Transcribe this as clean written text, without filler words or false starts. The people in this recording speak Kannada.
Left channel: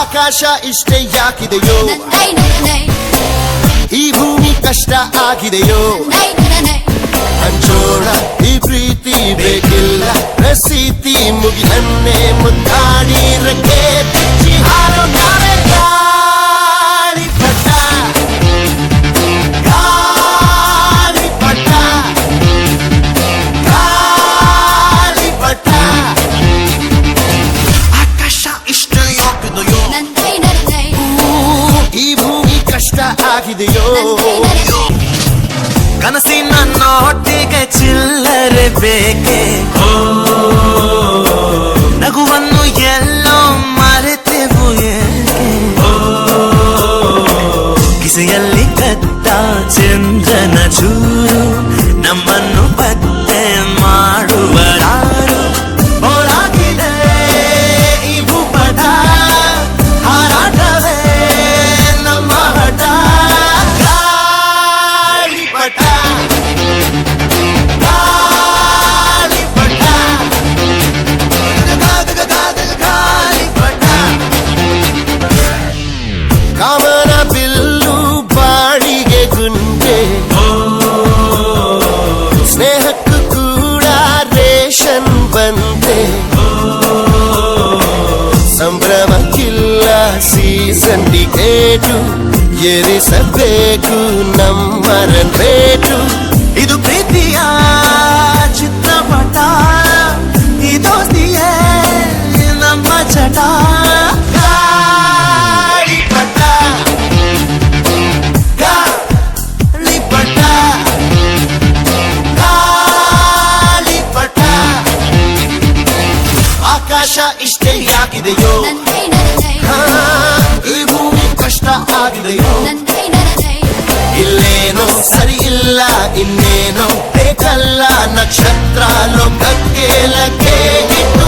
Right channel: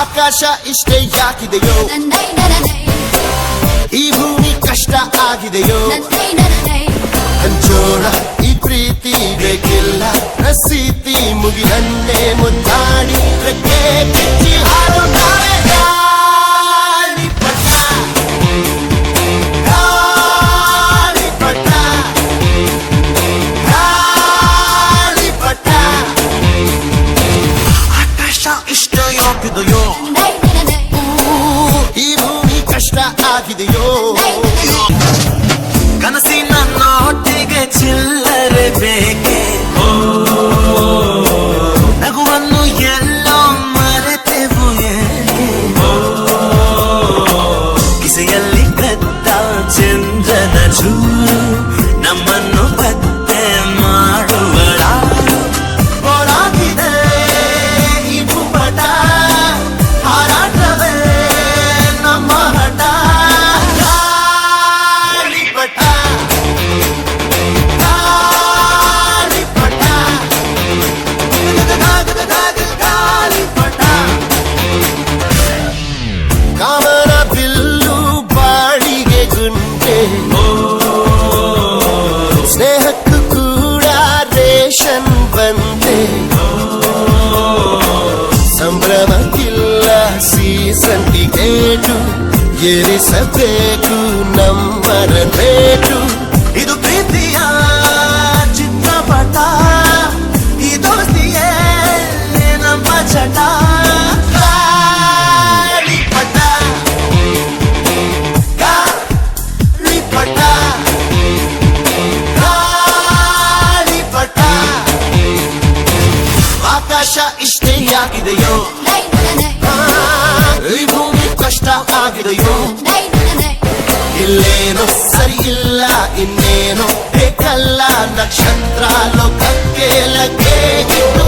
ಆಕಾಶ ಇಷ್ಟೇ ಯಾಕಿದೆಯೋ, ಈ ಭೂಮಿ ಕಷ್ಟ ಆಗಿದೆಯೋ, ಹಂಚೋಳ ಈ ಪ್ರೀತಿ ಬೇಕಿಲ್ಲ, ರಸೀತಿ ಮುಗಿದನ್ನೇ ಮುಂದಾಡಿ ರಕ್ಕೆ ಕಿಚ್ಚಿ ಹಾರುತ್ತಾರೆ ಗಾಳಿಪಟ, ಗಾಳಿಪಟ, ಗಾಳಿಪಟ. ಆಕಾಶ ಇಷ್ಟ ಯಾಕಿದೆಯೋ, ಈ ಭೂಮಿ ಕಷ್ಟ ಆಗಿದೆಯೋ, ಕನಸಿನ ನೋಟಿಗೆ ಚಿಲ್ಲರೆ ಬೇಕೆ, ನಗುವನ್ನು ಎಲ್ಲೋ ಮರೆತೆವು ಏಕೆ, ಕಿಸೆಯಲ್ಲಿ ಕದ್ದ ಚಂದ್ರನ ಚೂರು ನಮ್ಮನ್ನು ಪತ್ತೆ ಮಾಡುವಳಾರು. ಒಳಗಿದೆ ಈ ಭೂಪಟ, ಹಾರಾಟವೇ ನಮ್ಮ ಹಠ. ಗಾಳಿಪಟ, ಗಾಳಿಪಟ, ಗಾಳಿಪಟ. ಕಾಮನ ಬಿಲ್ಲು ಬಾಳಿಗೆ ಗುಂಡೆ, ಸ್ನೇಹಕ್ಕೂ ಕೂಡ ರೇಷನ್ ಬಂದೆ, ಸಂಭ್ರಮಕ್ಕಿಲ್ಲ ಸೀಸನ್ ಟಿಕೇಟು, ಏರಿಸಬೇಕು ನಮ್ಮರ ರೇಟು. ಇದು ಪ್ರೀತಿಯ ಚಿತ್ರಪಟ, ಈ ದೋಸ್ತಿಯೇ ನಮ್ಮ ಚಟ. ಗಾಳಿಪಟ, ಗಾಳಿಪಟ, ಗಾಳಿಪಟ. ಆಕಾಶ ಇಷ್ಟೇ ಯಾಕಿದೆಯೋ, ಈ ಭೂಮಿ ಕಷ್ಟ ಆಗಿದೆಯೋ, ಇಲ್ಲೇನೋ ಸರಿ ಇಲ್ಲ ಇನ್ನೇನೋ ಬೇಕಲ್ಲ, ನಕ್ಷತ್ರ ಲೋಕಕ್ಕೆ ಲಗ್ಗೆ ಇಟ್ಟು